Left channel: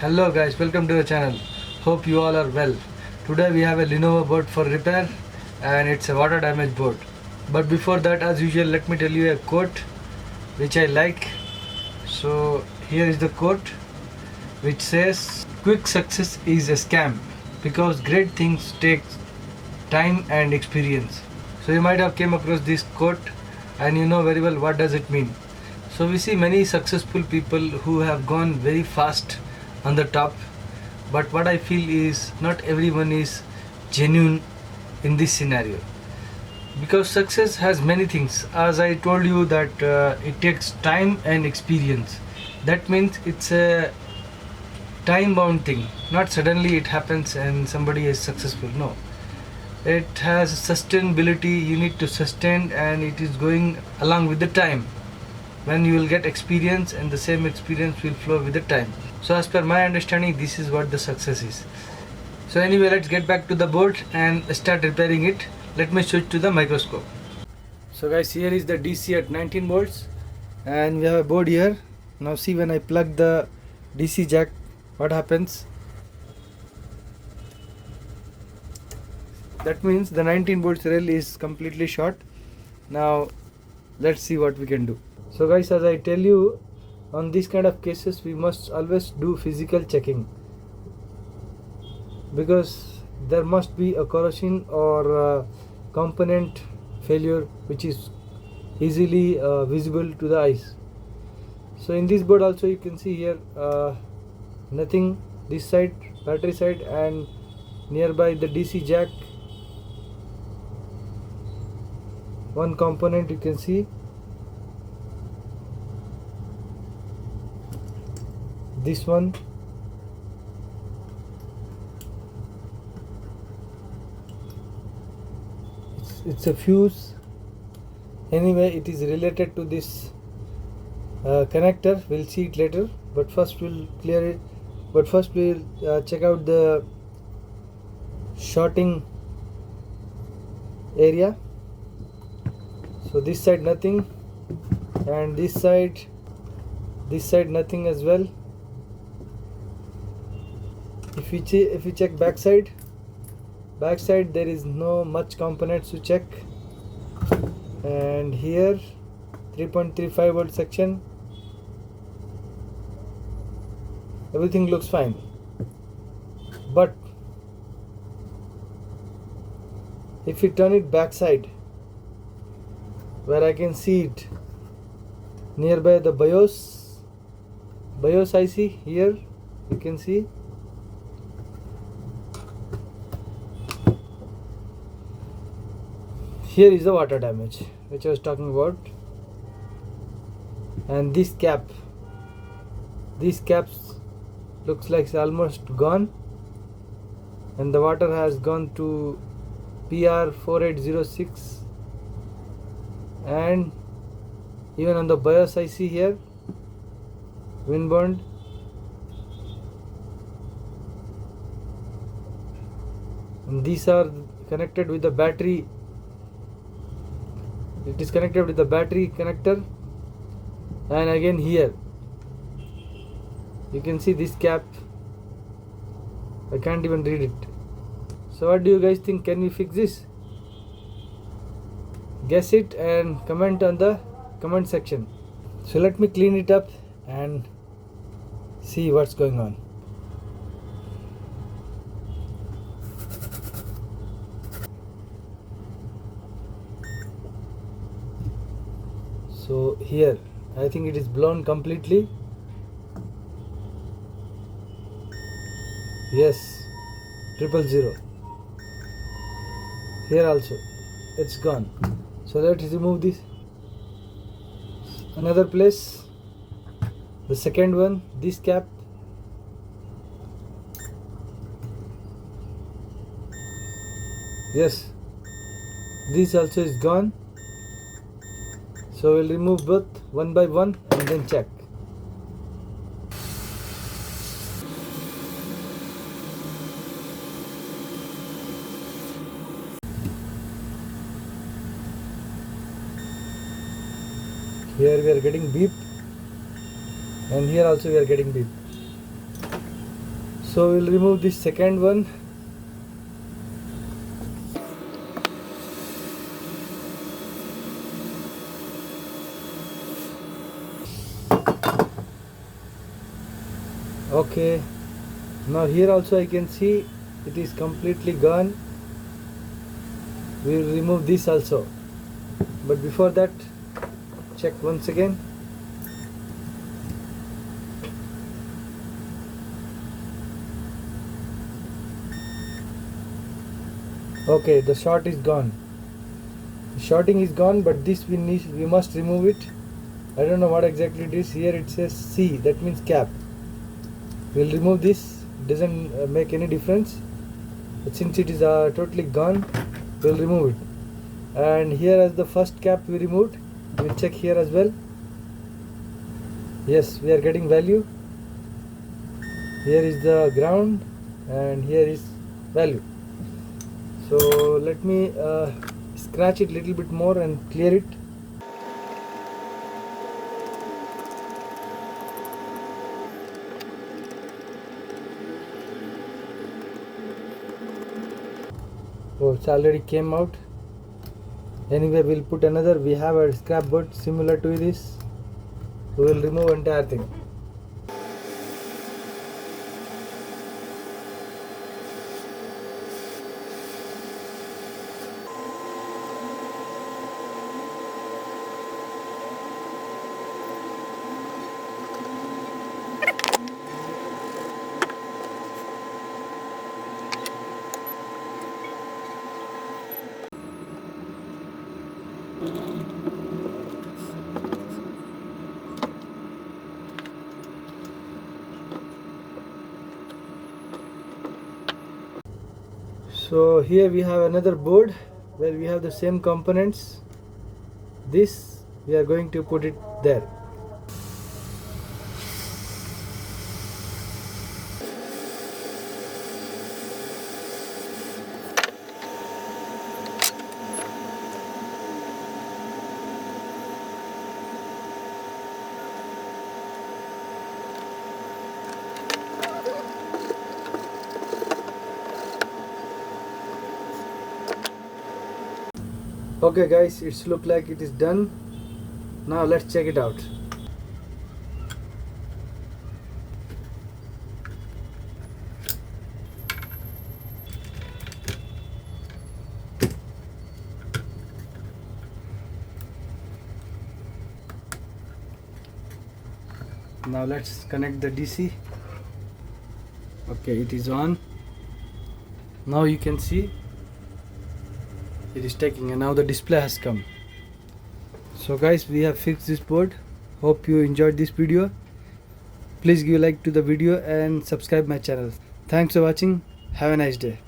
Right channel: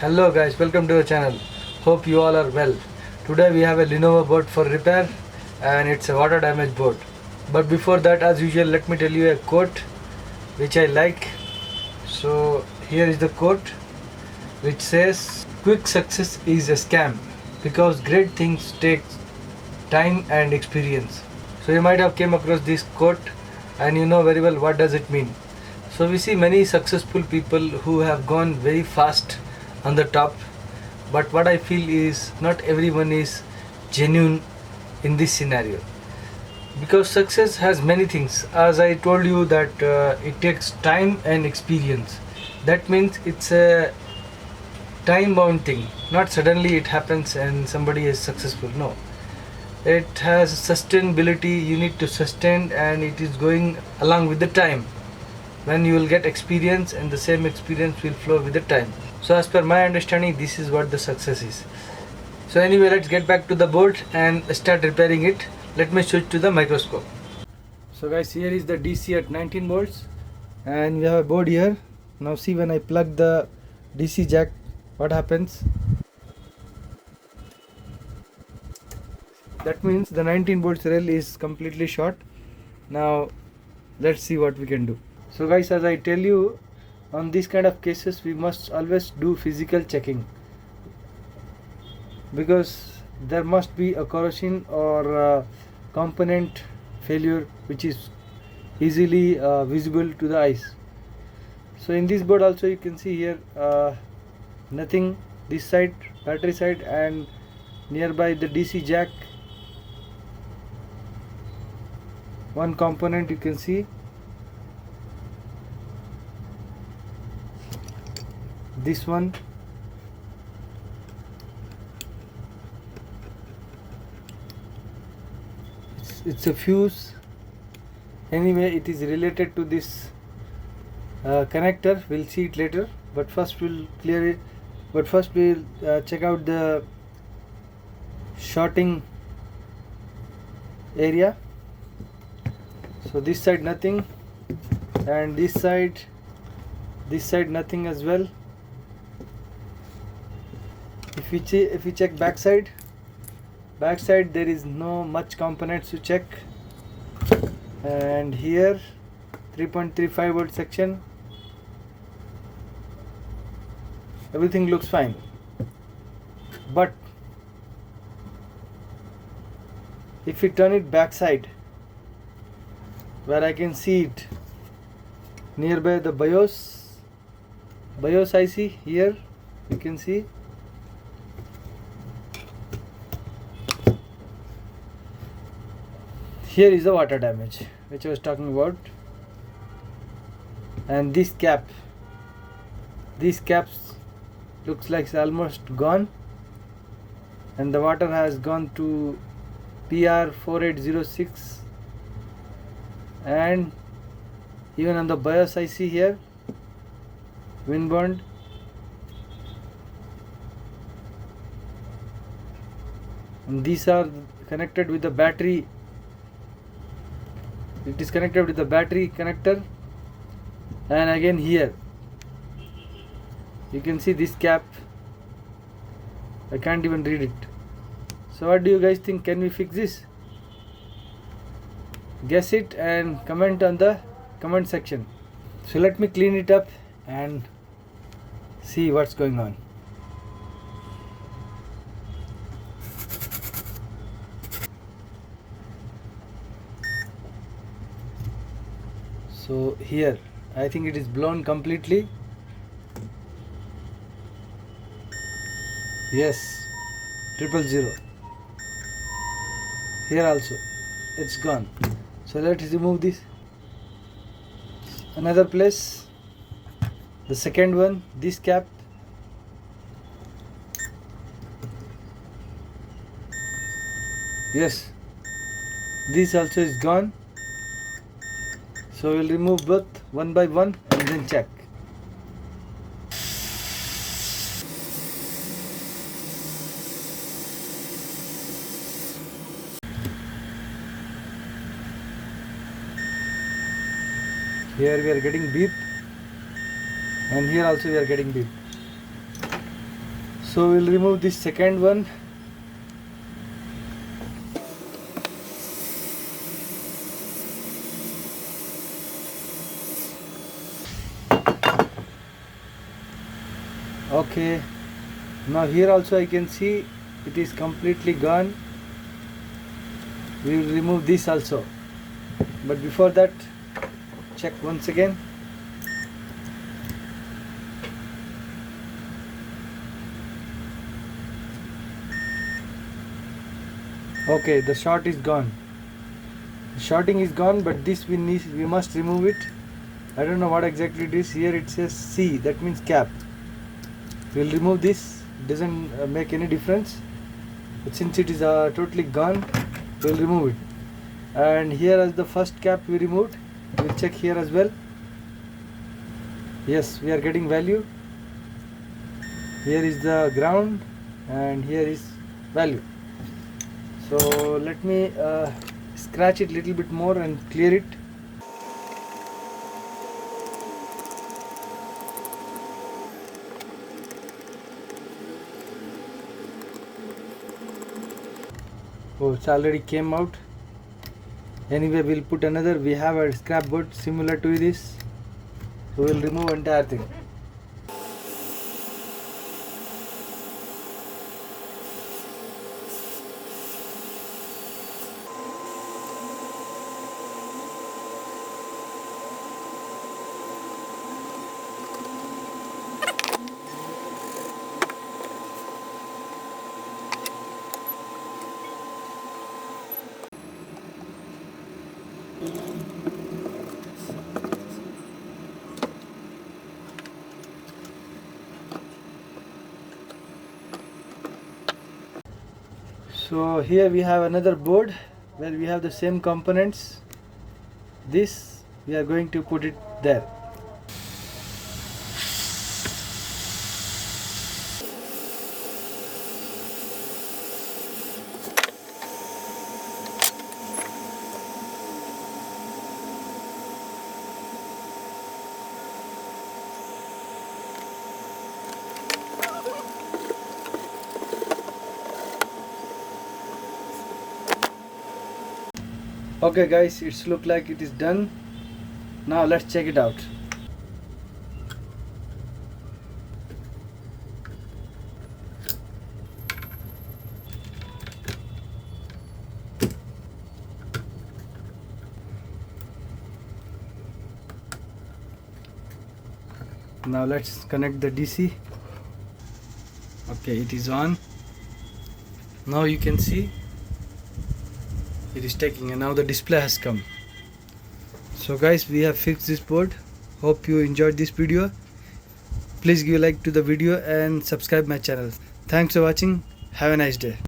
Hello guys, welcome to the channel. Hope you all are well. Today we have a Lenovo board for repair and it's a water damage board. But before that, as usual, let me tell you a quote which I like. So here is the quote which says, quick success is a scam because great things take time and experience. So you might have came across this quote and you know very well what does it mean. So we see many successful people who have gone very fast on the top, but what I feel is not everyone is genuine in this scenario, because success has many things. As I told you that it takes time and experience. That means it's a time bound thing, not suddenly it happens and somebody is successful. No, it has sustainability. You need to sustain and it is going along with the time, when you will get experience and the same experience will flow with the time. So as per my understanding, this is what the success is. So anyway, let's get back to the board and start repairing it. Let me switch to the microscope. So guys, here is the DC at 19 volts and we have a board here. Now see, when I plug the DC jack, what happens? That means the 19 volts rail is completely short. Now let's see what we can do. So guys, as I tell you, on these kind of cases we must always do physical checking, because there must be a corrosion or a component failure which is easily visible to the eyes. So in this board also you can see here nothing, this side, battery side, and nearby the DC jack, one component you can see. This one, it's a fuse. Anyway, it is related to this connector. We'll see it later, but first we'll clear it. But first we'll check out the shorting area. So this side nothing, and this side nothing as well. If we check backside there is no much components to check. And here 3.35 volt section, everything looks fine. But if we turn it backside, where I can see it nearby the BIOS IC, here you can see here is the water damage which I was talking about. And this cap, these caps looks like it's almost gone, and the water has gone to PR4806, and even on the BIOS IC here, windbond. And these are connected with the battery. It is connected with the battery connector. And again here you can see this cap, I can't even read it. So what do you guys think? Can we fix this? Guess it and comment on the comment section. So let me clean it up and see what's going on. So here I think it is blown completely. Yes, 000. Here also it's gone. So let's remove this. Another place, the second one, this cap. Yes, this also is gone. So we'll remove both one by one and then check. Here we are getting beep, and here also we are getting beep. So we'll remove this second one. Okay, now here also I can see it is completely gone. We will remove this also, but before that check once again. Okay, the short is gone. The shorting is gone, but this we must remove it. I don't know what exactly it is. Here it says C, that means cap. We'll remove this. It doesn't make any difference, but since it is totally gone, we'll remove it. And here as the first cap we removed, we'll check here as well. Yes, we are getting value. Here is the ground and here is value. So let me scratch it a little bit more and clear it. Oh, it's already came out. Anyway, we'll put another. We have a scrap board similar to this, so we'll remove entire thing. So here we have another board where we have the same components. This we are going to put it there. Okay guys, it's look like it is done. Now let's check it out. Now let's connect the DC. Okay, it is on. Now you can see it is taking, and now the display has come. So guys, we have fixed this board. Hope you enjoyed this video. Please give a like to the video and subscribe my channel. Thanks for watching. Have a nice day.